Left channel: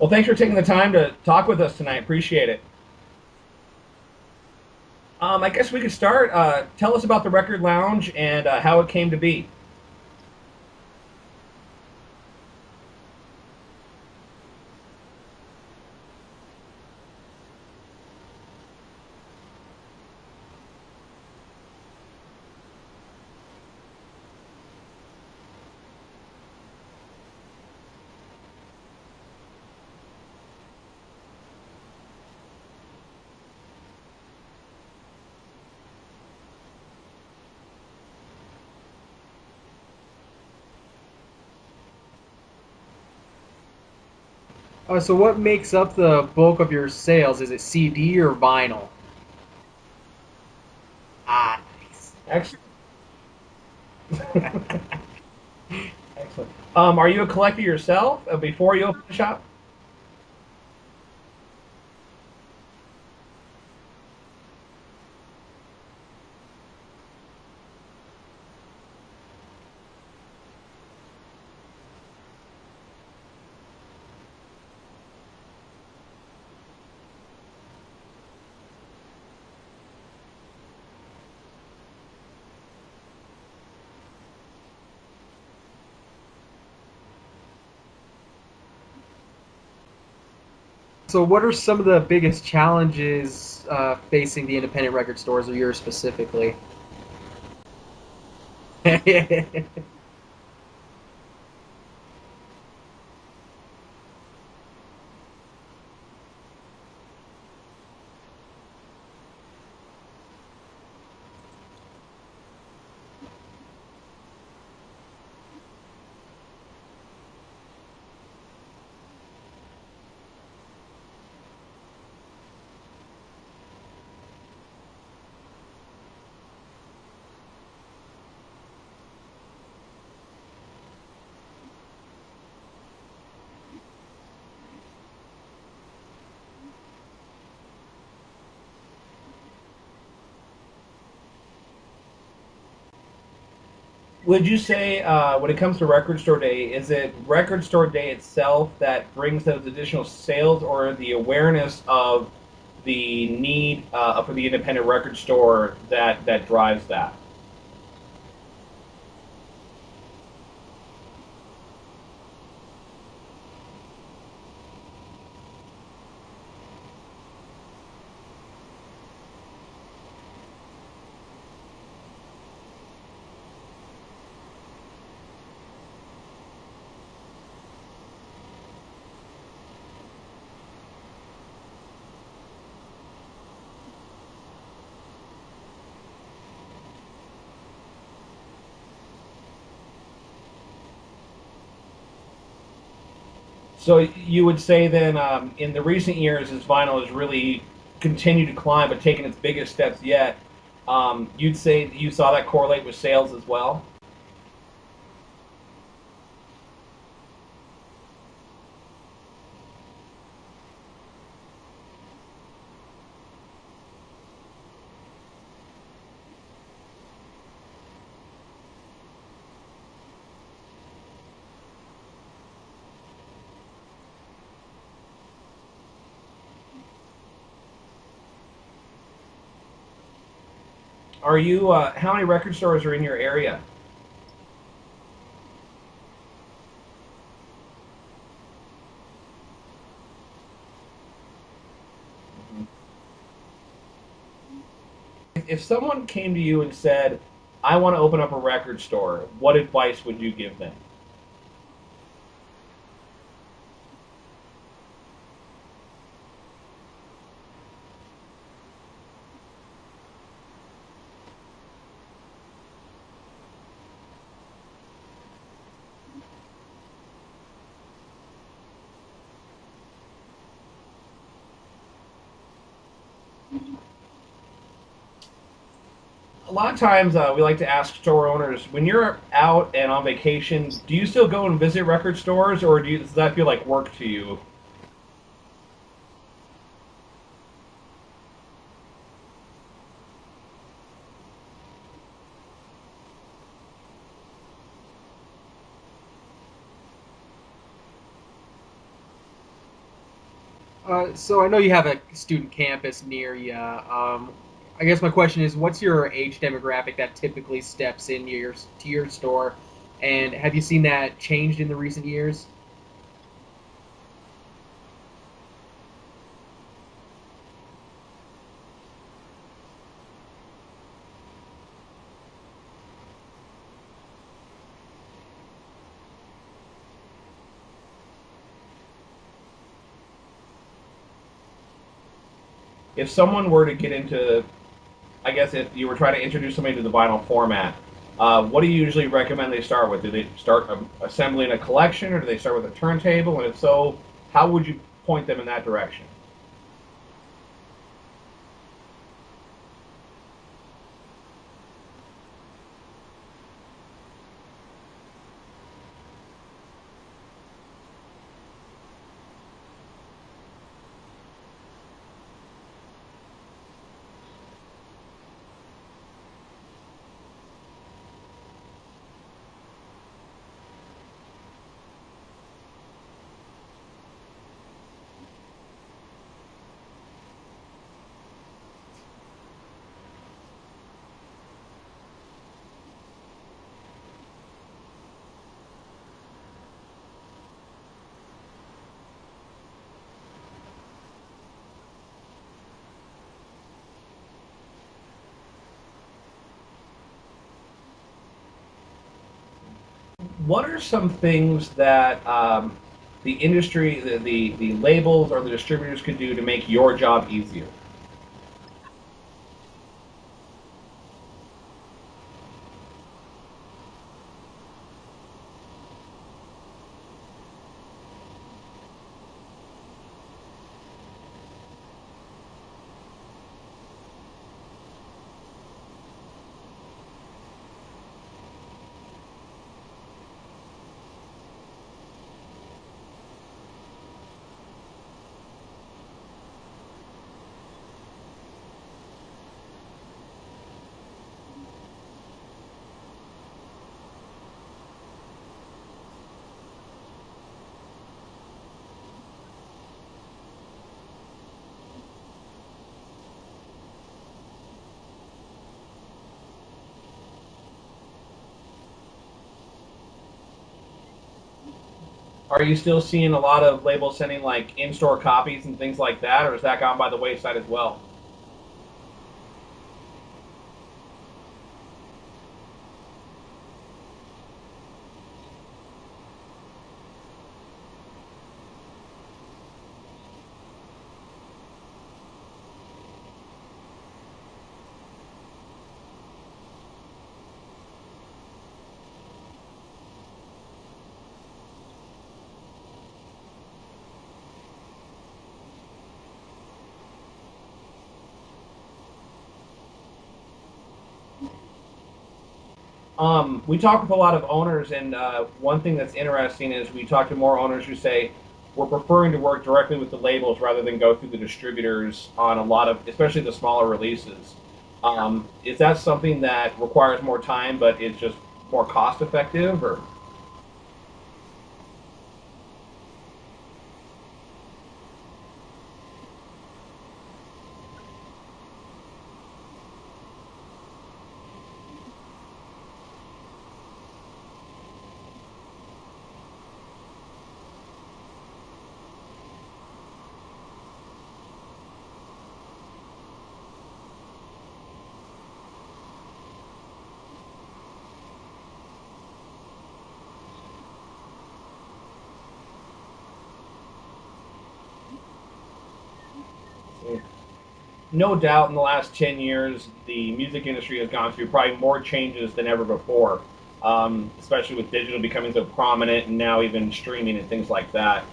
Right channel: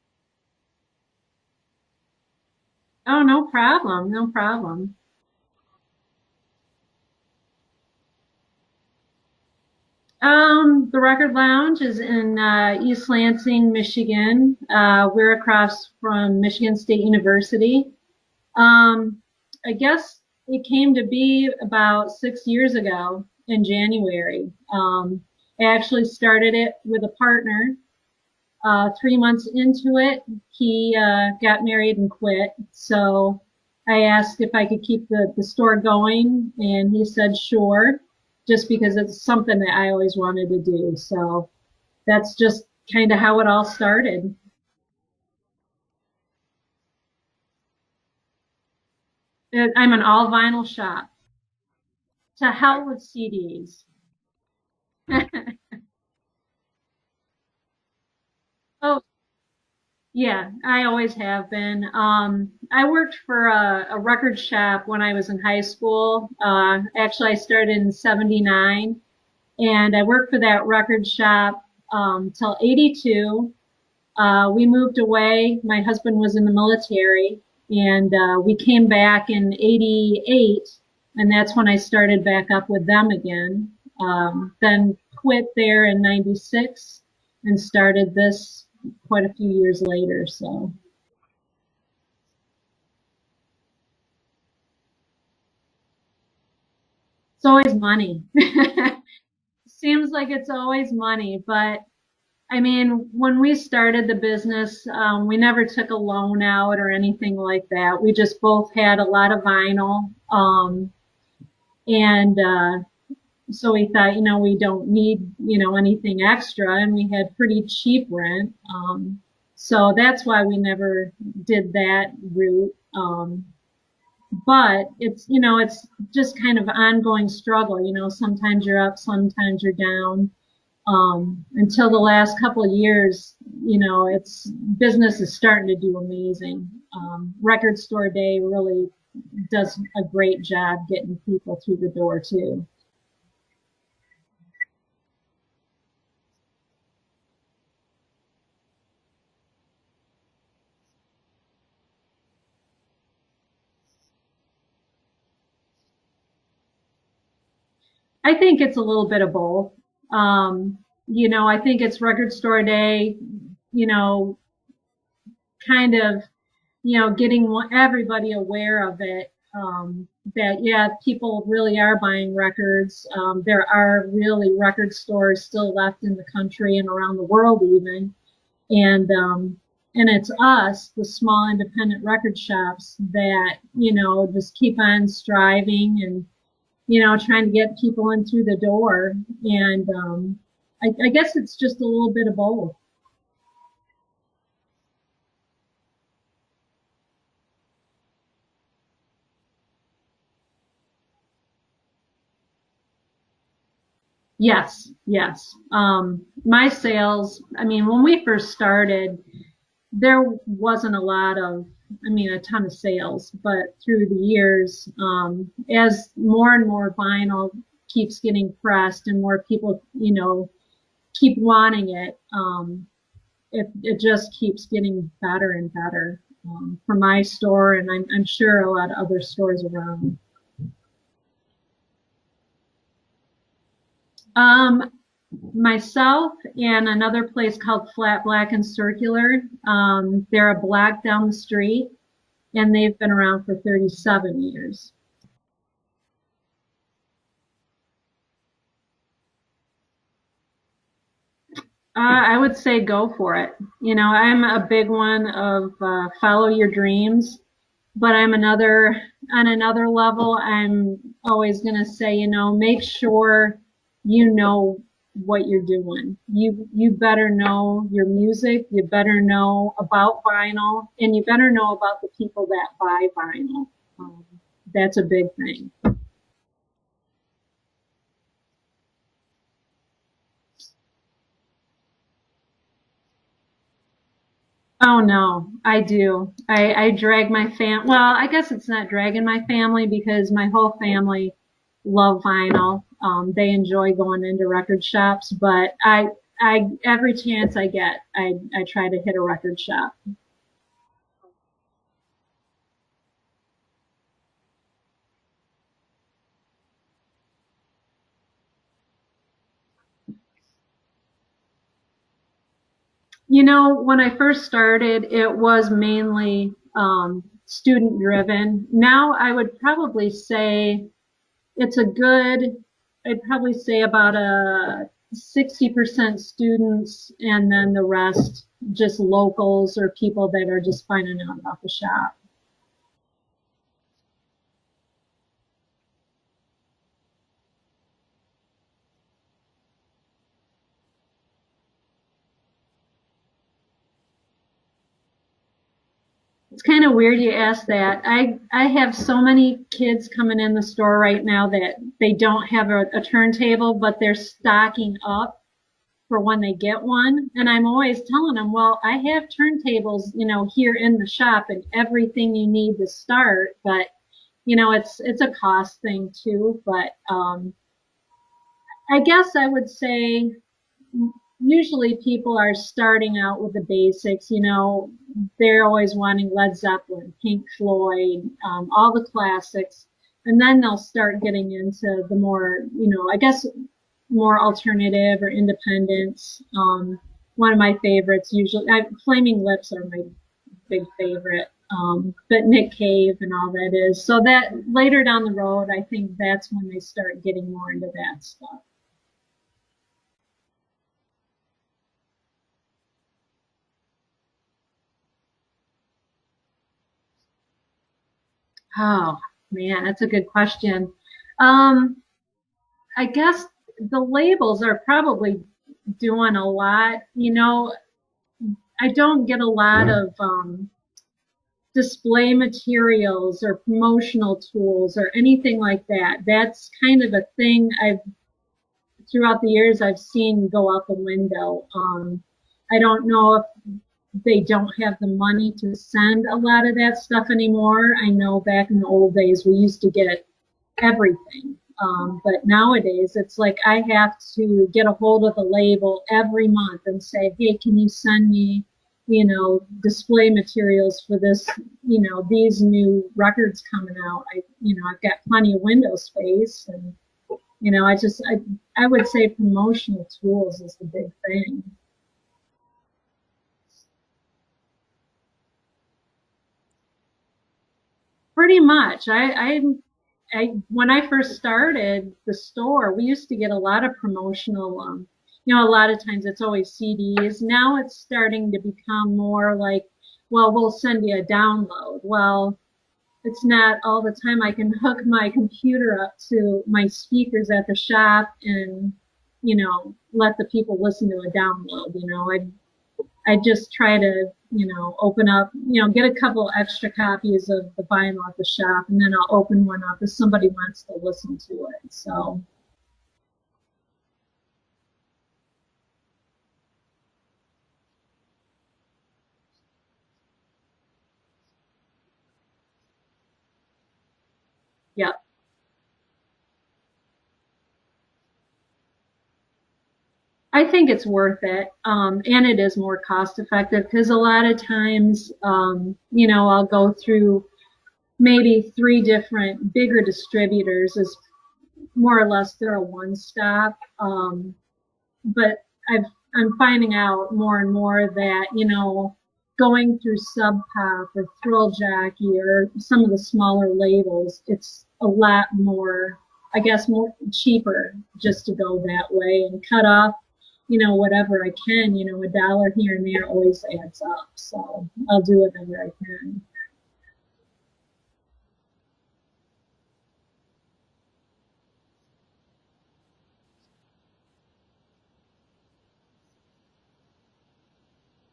Well, thanks for taking the time to talk with us tonight. Appreciate it. Oh, no problem. No problem. I guess we could start. Tell us about the Record Lounge and how it came to be. The Record Lounge is in East Lansing, Michigan. We're across from Michigan State University. Um, I guess it came to be about 6 years ago in January. I actually started it with a partner. 3 months into it, he got married and quit. So I asked if I could keep the store going, and he said sure, just because it's something that I always wanted to do. So that's just kind of how it all started. So what makes up the bulk of your sales? Is it CD or vinyl? I'm an all vinyl shop. Ah, To Excellent. hell with CDs. Excellent. Are you a collector yourself before you Oh, opened the shop? yeah, I always have been. I worked for a record shop when I was in high school. Actually, I started in '79, and I worked for that record shop till '82. We moved away. My husband was in the military, and we came back in '88, and that's when I started back up with them again. Then quit there in '96 and started this quite a few years later. So so what are some of the biggest challenges facing the independent record stores or yours specifically? it's always money. Yeah. Seems like it's always money, but I mean, when we started the business, we never took a loan out or anything like that. We just both had a lot of vinyl. And so we thought, we don't need, anything extra. And we had pretty cheap rent. So that's why we never did that route. But it's just kind of ongoing struggle. Sometimes you're up, sometimes you're down. Until the last couple of years, it's business is starting to do amazing. Record Store Day really does a great job getting people through the door too. Would you say, when it comes to Record Store Day, is it Record Store Day itself that brings those additional sales, or the awareness of the need for the independent record store that drives that? I think it's a little bit of both. I think it's Record Store Day, you know, kind of getting everybody aware of it. That yeah, people really are buying records. There are really record stores still left in the country and around the world even, and it's us, the small independent record shops, that just keep on striving and trying to get people in through the door. And I guess it's just a little bit of both. So you would say then, in the recent years, as vinyl has really continued to climb, but taken its biggest steps yet, you'd say that you saw that correlate with sales as well. Yes, yes. My sales, I mean, when we first started, there wasn't a ton of sales, but through the years, as more and more vinyl keeps getting pressed and more people, keep wanting it, it just keeps getting better and better for my store, and I'm sure a lot of other stores around. Are you? How many record stores are in your area? Um, Myself and another place called Flat Black and Circular. They're a block down the street, and they've been around for 37 years. If someone came to you and said, "I want to open up a record store," what advice would you give them? I would say go for it. I'm a big one of follow your dreams, but on another level, I'm always going to say, make sure you know what you're doing. You better know your music, you better know about vinyl, and you better know about the people that buy vinyl. Um, that's a big thing. A lot of times, we like to ask store owners, when you're out and on vacation, do you still go and visit record stores, or does that feel like work to you? Oh no, I do. I drag my well, I guess it's not dragging my family because my whole family love vinyl. They enjoy going into record shops, but every chance I get, I try to hit a record shop. So I know you have a student campus near you. I guess my question is, what's your age demographic that typically steps in to your store, and have you seen that changed in the recent years? When I first started, it was mainly student driven. Now I would probably say it's a good, I'd probably say about a 60% students and then the rest just locals or people that are just finding out about the shop. If someone were to get into, I guess if you were trying to introduce somebody to the vinyl format, what do you usually recommend they start with? Do they start assembling a collection, or do they start with a turntable? And if so, how would you point them in that direction? It's kind of weird you ask that. I have so many kids coming in the store right now that they don't have a turntable, but they're stocking up for when they get one. And I'm always telling them, well, I have turntables, here in the shop and everything you need to start, but it's a cost thing too. But I guess I would say usually people are starting out with the basics. They're always wanting Led Zeppelin, Pink Floyd, all the classics, and then they'll start getting into the more, I guess, more alternative or independence. One of my favorites usually, Flaming Lips are my big favorite, but Nick Cave and all that is. So that later down the road, I think that's when they start getting more into that stuff. What are some things that the industry, the labels or the distributors could do to make your job easier? Oh man, that's a good question. Um, I guess the labels are probably doing a lot. I don't get a lot of display materials or promotional tools or anything like that. That's kind of a thing throughout the years I've seen go out the window. I don't know if they don't have the money to send a lot of that stuff anymore. I know back in the old days we used to get everything. But nowadays it's like I have to get a hold of the label every month and say, hey, can you send me, display materials for this, these new records coming out. I've got plenty of window space and, I would say promotional tools is the big thing. Are you still seeing a lot of labels sending like in-store copies and things like that, or has that gone by the wayside as well? Pretty much. When I first started the store, we used to get a lot of promotional, a lot of times it's always CDs. Now it's starting to become more like, well, we'll send you a download. Well, it's not all the time I can hook my computer up to my speakers at the shop and, let the people listen to a download. I just try to, open up, get a couple extra copies of the vinyl at the shop, and then I'll open one up if somebody wants to listen to it. So, We talk with a lot of owners, and one thing that's interesting is we talk to more owners who say we're preferring to work directly with the labels rather than go through the distributors on a lot of, especially the smaller releases. yeah. Is that something that requires more time, but it's just more cost effective, or? I think it's worth it. And it is more cost effective because a lot of times, I'll go through maybe three different bigger distributors as more or less they're a one stop. But I'm finding out more and more that, going through Sub Pop or Thrill Jockey or some of the smaller labels, it's a lot more, I guess, more cheaper just to go that way and cut off, whatever I can, a dollar here and there always adds up. So I'll do whatever I can. No doubt in the last 10 years, the music industry has gone through probably more changes than ever before, especially with digital becoming so prominent and now even streaming and things like that.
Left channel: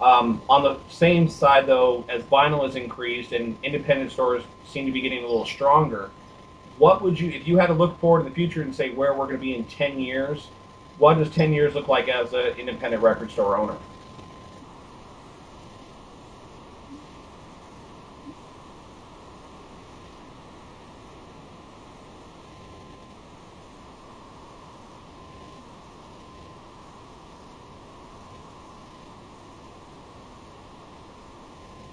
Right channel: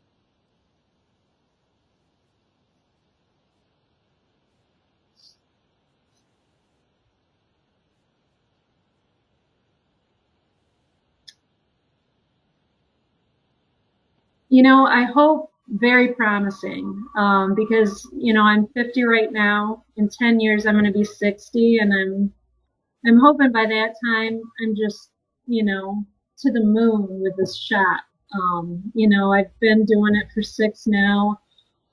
On the same side, though, as vinyl has increased and independent stores seem to be getting a little stronger, what would you, if you had to look forward to the future and say where we're going to be in 10 years, what does 10 years look like as an independent record store owner? I hope very promising because, I'm 50 right now. In 10 years, I'm going to be 60, and I'm hoping by that time I'm just, to the moon with this shop. I've been doing it for 6 now,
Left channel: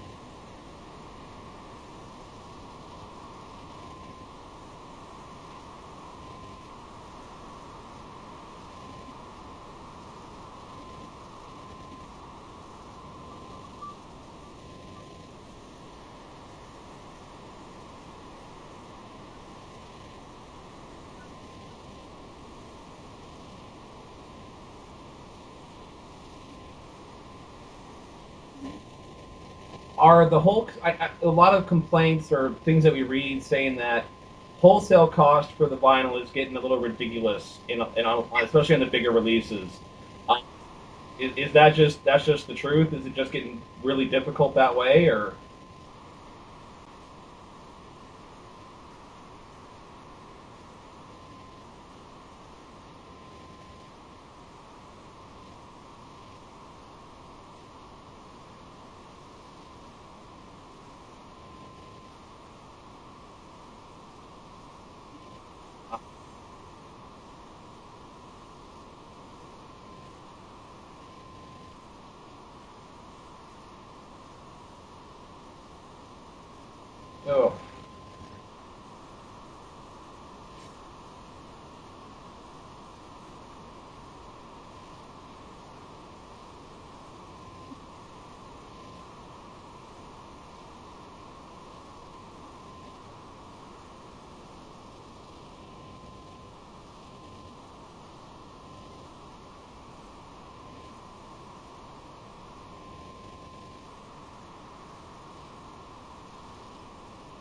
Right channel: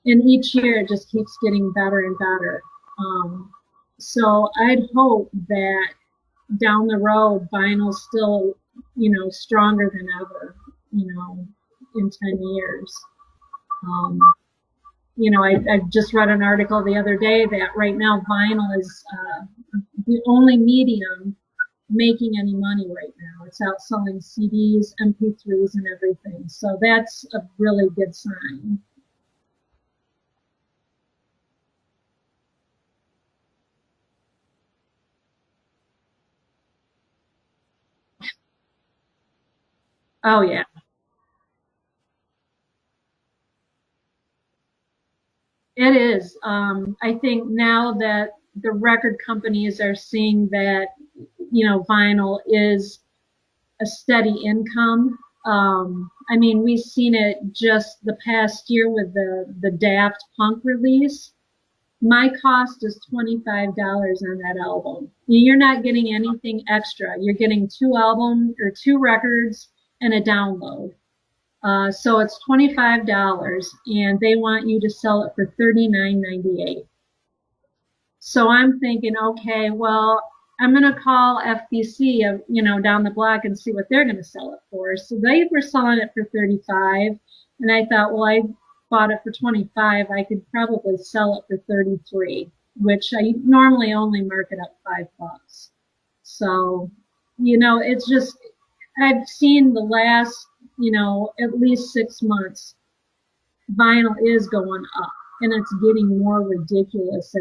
and each year it just keeps getting better and better. Um, so I'd hope that down the road, vinyl's still, stronger than ever, you know, in 10 years. Um, I just read an article the other day that right now vinyl is the only medium making any money right now. It's outselling CDs, MP3s, and everything. So that's a really good sign. Are the whole a lot of complaints or things that we read saying that wholesale cost for the vinyl is getting a little ridiculous especially on the bigger releases. Uh, Oh, yeah. is that just the truth? Is it just getting really difficult that way, or It is. I think now that the record companies are seeing that, vinyl is a steady income. I mean, we've seen it just the past year with the Daft Punk release. My cost is $25 on that album. You're not getting anything extra. You're getting two albums or two records and a download. So it's $25, and they want you to sell it for $39.98. oh, So I'm thinking, okay, well, I'm going to call FBC, down the block and see what they're going to sell it for. So they were selling it for 35, and I thought, well, I bought it for 25. I could probably sell it for 33, which I normally only mark it up $5. So, it's just I've seen the last, at least 6 months, vinyl is going up, and it's getting more ridiculous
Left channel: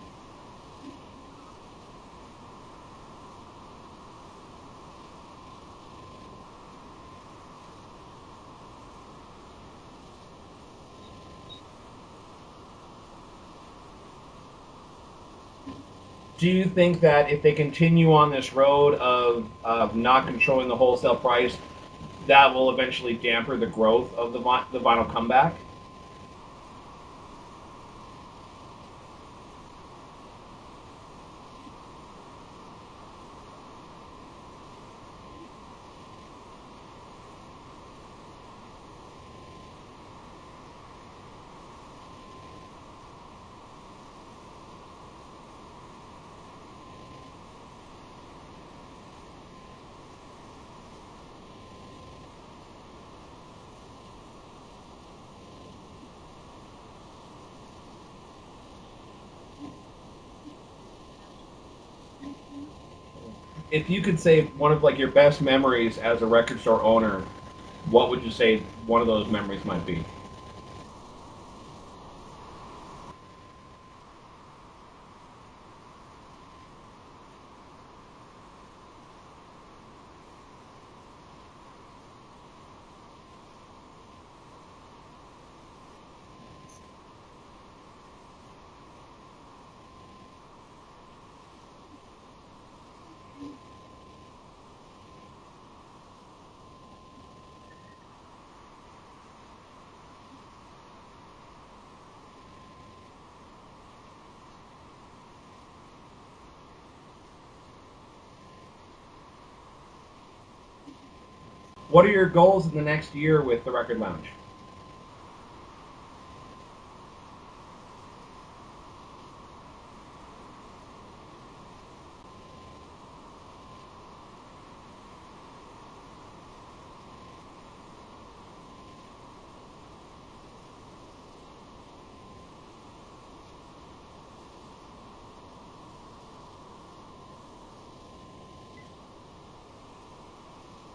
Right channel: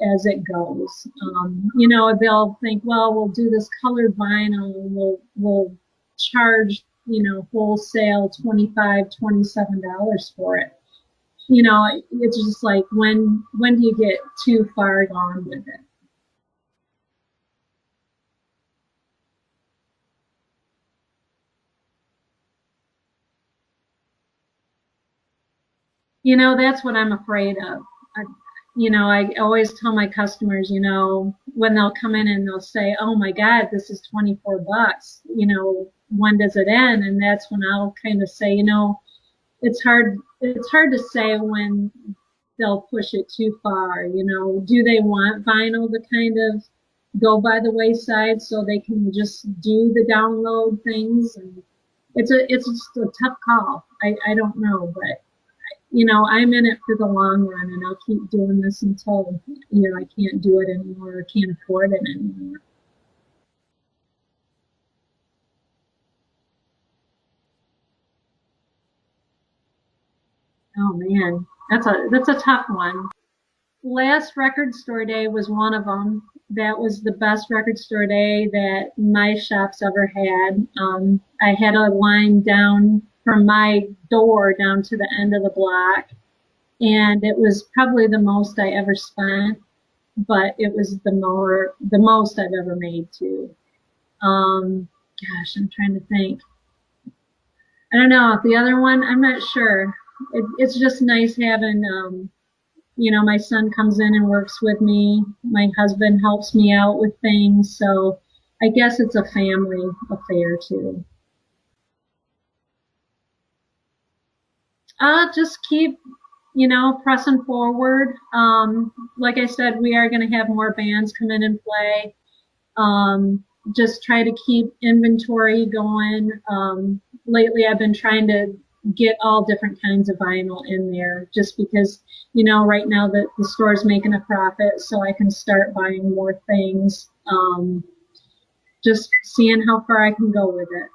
as it goes. They'll think, well, we'll do this colored vinyl, and we'll charge, wholesale $25, $27 for it. It's just like, when do you get too far gone with it? do you think that if they continue on this road of not controlling the wholesale price, that will eventually damper the growth of the vinyl comeback? That's what I'm afraid of. I always tell my customers, when they'll come in and they'll say, "Oh my God, this is $24. When does it end?" And that's when I'll kind of say, it's hard to say when they'll push it too far. Do they want vinyl to kind of go by the wayside so they can just do the download things? And it's just a tough call. I don't know, but I'm in it for the long run, and I'll keep doing this until I can't do it anymore or can't afford it anymore. If you could say one of like your best memories as a record store owner, what would you say one of those memories might be? Oh man, that's a tough one. Last record store day was one of them. That was the best record store day that my shop's ever had. I had a line down from my door down to the end of the block, and it was probably the most I ever spent, but it was the most I've ever made too. Gosh, I'm trying to think. I don't know. The other one, I'm not sure. It's just nice having, my son comes in and works with me. My husband helps me out with things. So I guess it's a family affair too. What are your goals in the next year with the Record Lounge? Just keep, pressing forward. Like I said, we are going to have more bands come in and play. Just try to keep inventory going. Lately, I've been trying to get all different kinds of vinyl in there just because, right now the store's making a profit, so I can start buying more things. Just seeing how far I can go with it.